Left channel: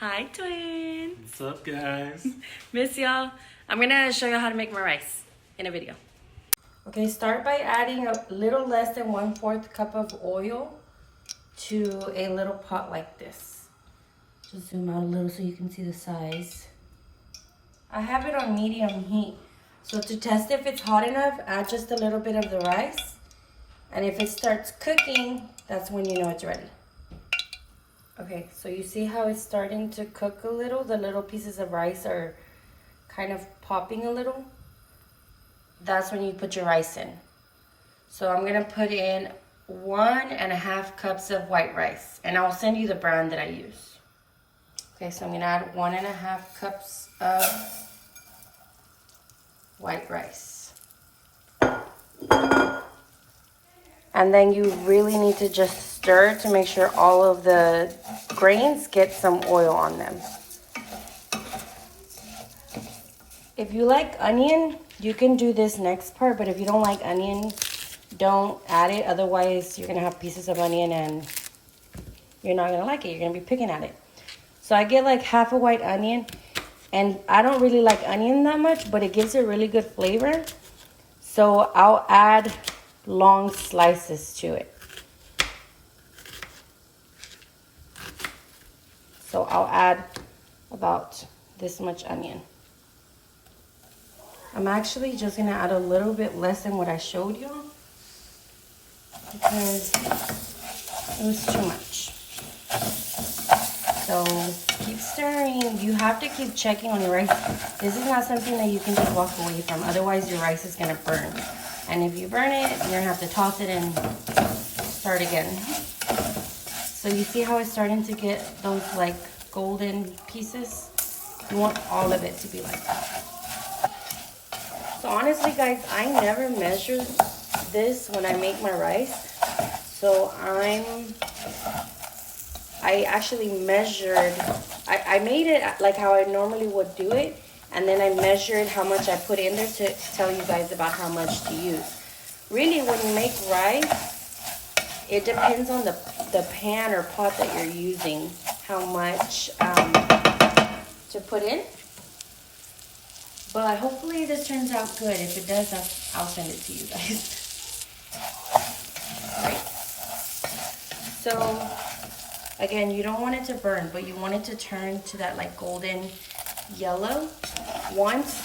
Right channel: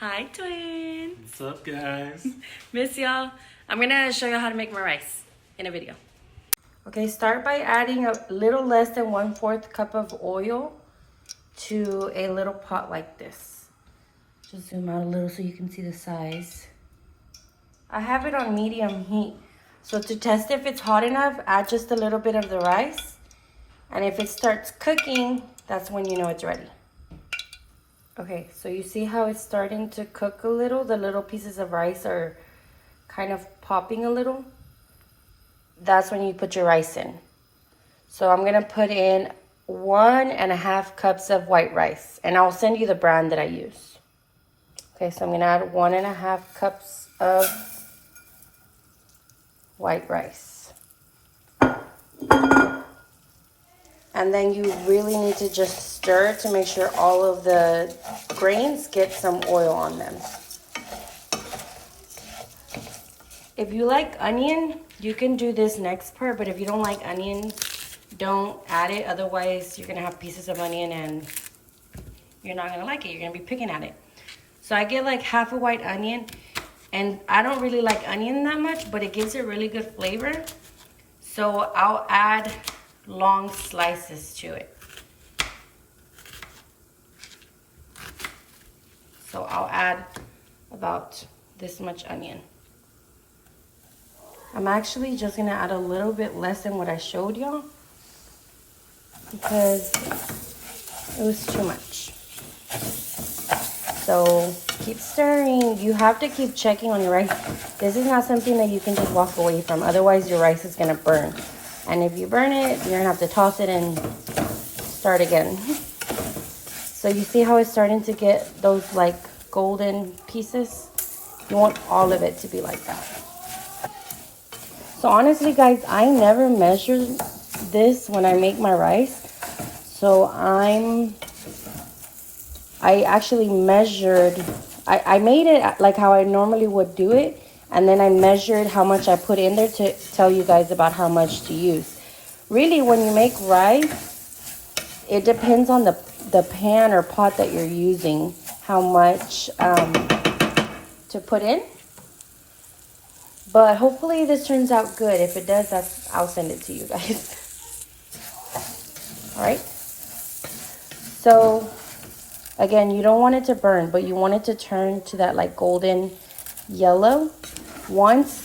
Hi, twins. What's up, guys? Miss y'all. I'm gonna show you how to make my rice in a video. Okay, start by adding a little less than 1/4 cup of oil to a little pot like this. Just zoom out a little so you can see the size. I have it on medium heat. So to test if it's hot enough, add just a little bit of the rice. And if it starts cooking, that's when you know it's ready. Okay, so you see how it's starting to cook a little? The little pieces of rice are kind of popping a little. That's when you put your rice in. So I'm gonna put in 1.5 cups of white rice, and I'll send you the brand that I use. Okay, so I'm gonna add 1.5 cups of white rice. And then you really need to just stir to make sure all of the grains get some oil on them. If you like onion, you can do this next part, but if you don't like onion, don't add it. Otherwise, you're gonna have pieces of onion and you're not gonna like it. You're gonna be picking at it. So I get like half a white onion, and I don't really like onion that much, but it gives it really good flavor. So I'll add long slices to it. So I'll add about this much onion. I'm actually just gonna add a little bit less than what I showed y'all because it was too much. So keep stirring. You have to keep checking on your rice. This is not something that you can just walk away from. Otherwise your rice is gonna burn. And if you burn it, you're gonna have to toss it and start again. So you see how it's starting to get those like golden pieces? You want all of it to be like that. So honestly, guys, I never measure this when I make my rice. So I actually measured, I made it like how I normally would do it. And then I measured how much I put in there to tell you guys about how much to use. Really, when you make rice, it depends on the pan or pot that you're using, how much to put in. But hopefully this turns out good. If it does, I'll send it to you guys. All right. So again, you don't want it to burn, but you want it to turn to that like golden yellow. Once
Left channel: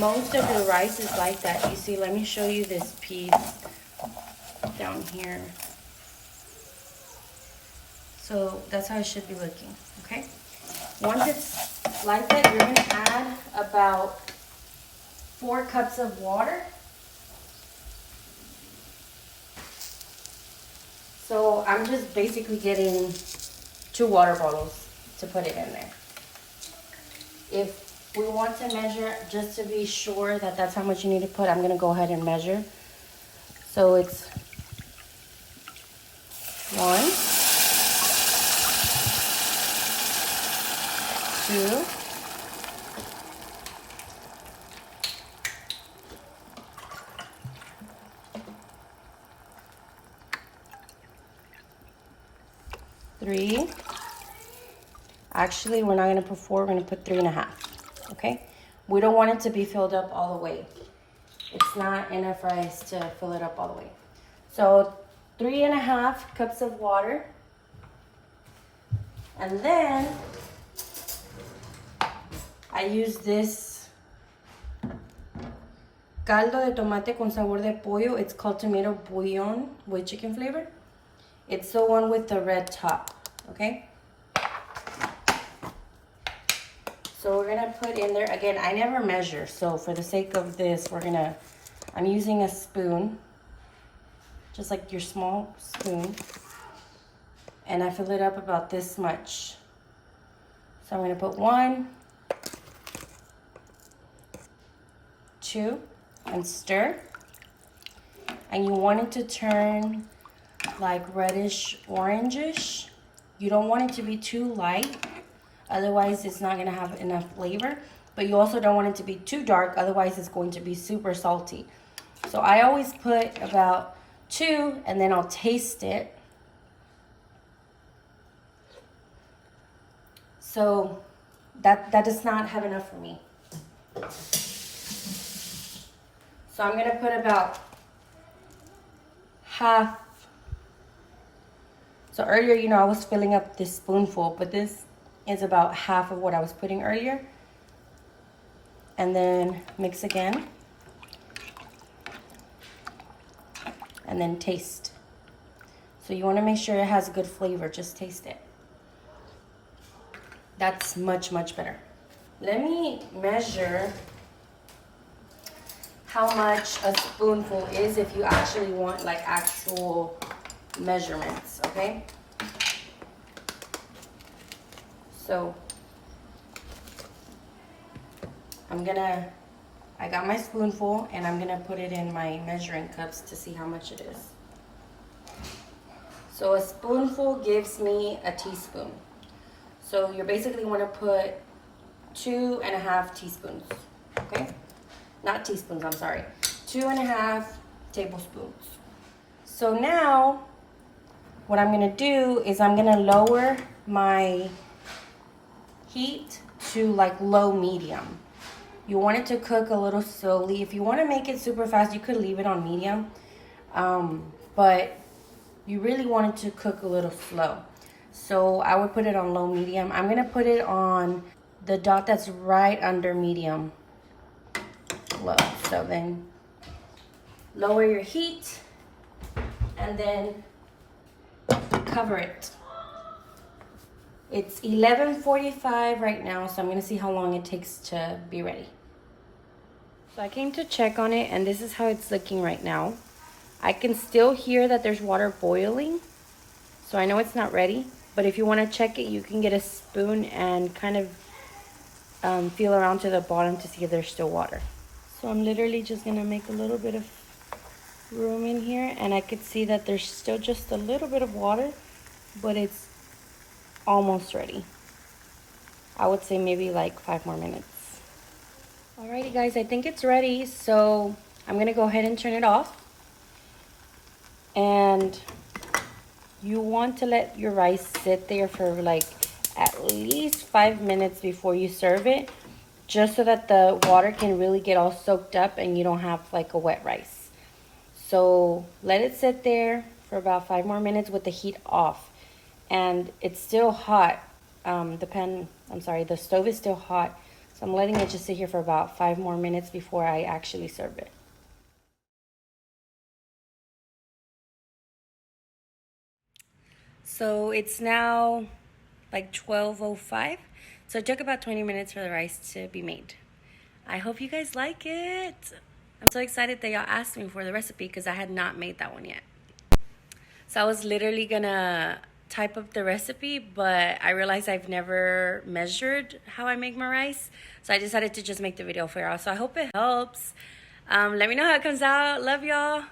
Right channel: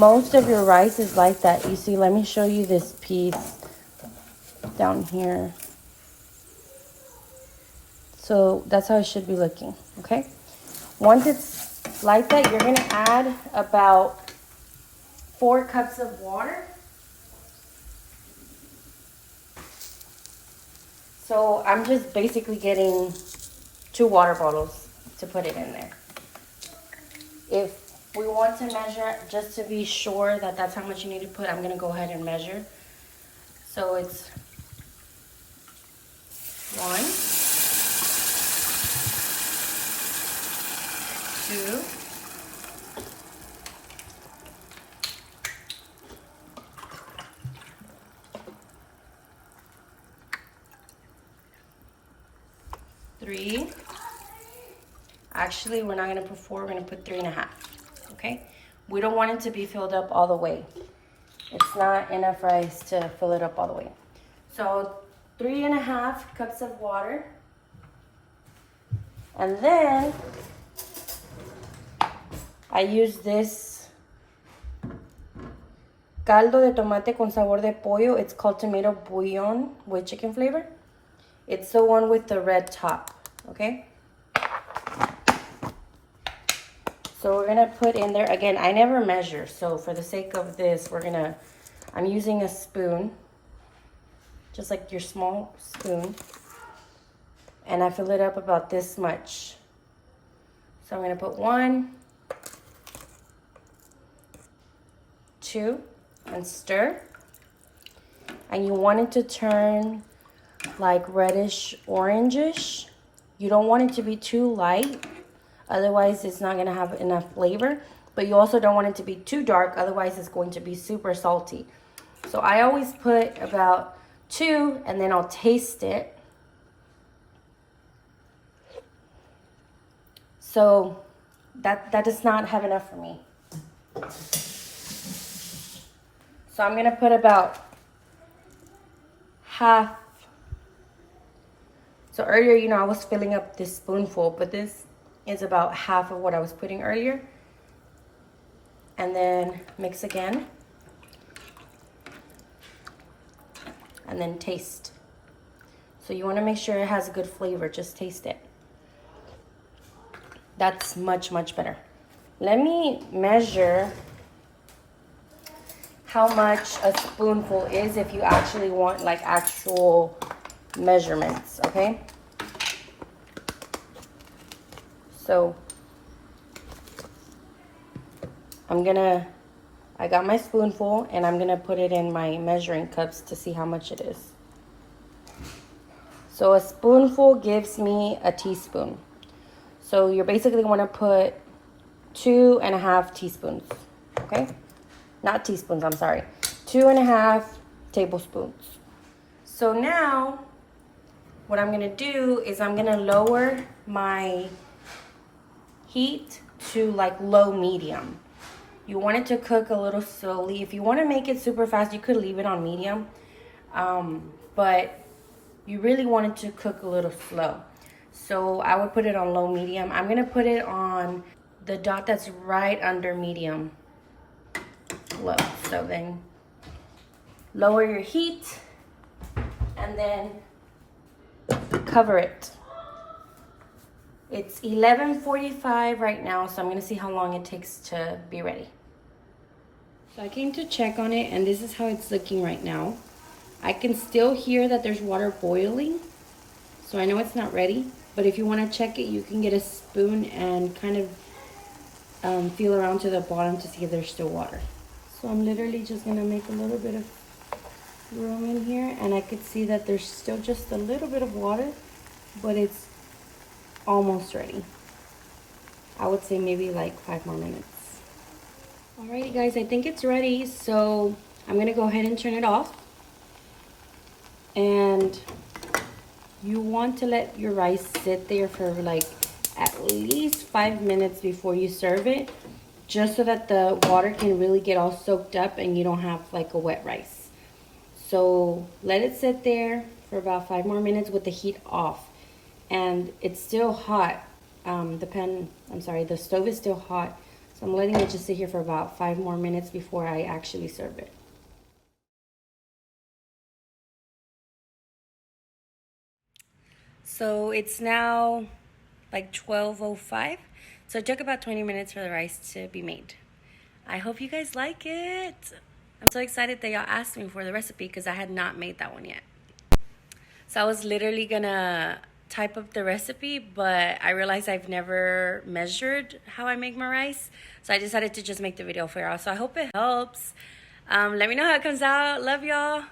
most of your rice is like that, you see, let me show you this piece down here. So that's how it should be looking, okay? Once it's like that, you're gonna add about 4 cups of water. So I'm just basically getting 2 water bottles to put it in there. If we want to measure, just to be sure that that's how much you need to put, I'm gonna go ahead and measure. So it's 1, 2, 3. Actually, we're not gonna put 4, we're gonna put 3.5, okay? We don't want it to be filled up all the way. It's not enough rice to fill it up all the way. So 3.5 cups of water. And then I use this caldo de tomate con sabor de pollo. It's called tomato bouillon with chicken flavor. It's the one with the red top, okay? So we're gonna put in there, again, I never measure. So for the sake of this, I'm using a spoon, just like your small spoon. And I fill it up about this much. So I'm gonna put 1, 2, and stir. And you want it to turn like reddish orangish. You don't want it to be too light, otherwise it's not gonna have enough flavor. But you also don't want it to be too dark, otherwise it's going to be super salty. So I always put about 2, and then I'll taste it. So that does not have enough for me. So I'm gonna put about half. So earlier, you know, I was filling up this spoonful, but this is about half of what I was putting earlier. And then mix again. And then taste. So you want to make sure it has a good flavor. Just taste it. That's much, much better. Let me measure how much a spoonful is if you actually want like actual measurements, okay? So I got my spoonful and I'm gonna put it in my measuring cups to see how much it is. So a spoonful gives me a teaspoon. So you're basically want to put 2.5 teaspoons, okay? Not teaspoons, I'm sorry. 2.5 tablespoons. So now what I'm gonna do is I'm gonna lower my heat to like low medium. You want it to cook a little slowly. If you want to make it super fast, you could leave it on medium. But you really want it to cook a little slow. So I would put it on low medium. I'm going to put it on the dot that's right under medium low. So then lower your heat and then cover it. It's 11:45 right now, so I'm going to see how long it takes to be ready. So I came to check on it, and this is how it's looking right now. I can still hear that there's water boiling, so I know it's not ready. But if you want to check it, you can get a spoon and kind of feel around to the bottom to see if there's still water. So I'm literally just going to make a little bit of room in here, and I could see that there's still just a little bit of water, but it's almost ready. I would say maybe like 5 more minutes. Alrighty guys, I think it's ready, so I'm gonna go ahead and turn it off. And you want to let your rice sit there for like at least 5 minutes before you serve it, just so that the water can really get all soaked up and you don't have like a wet rice. So let it sit there for about 5 more minutes with the heat off. And it's still hot. The stove is still hot. So I'm letting it just sit here for about 5 more minutes before I actually serve it. So it's now like 12:05. So it took about 20 minutes for the rice to be made. I hope you guys like it. I'm so excited that y'all asked me for the recipe because I had not made that one yet. So I was literally gonna type up the recipe, but I realized I've never measured how I make my rice, so I decided to just make the video for y'all. So I hope it helps. Let me know how it comes out. Love y'all.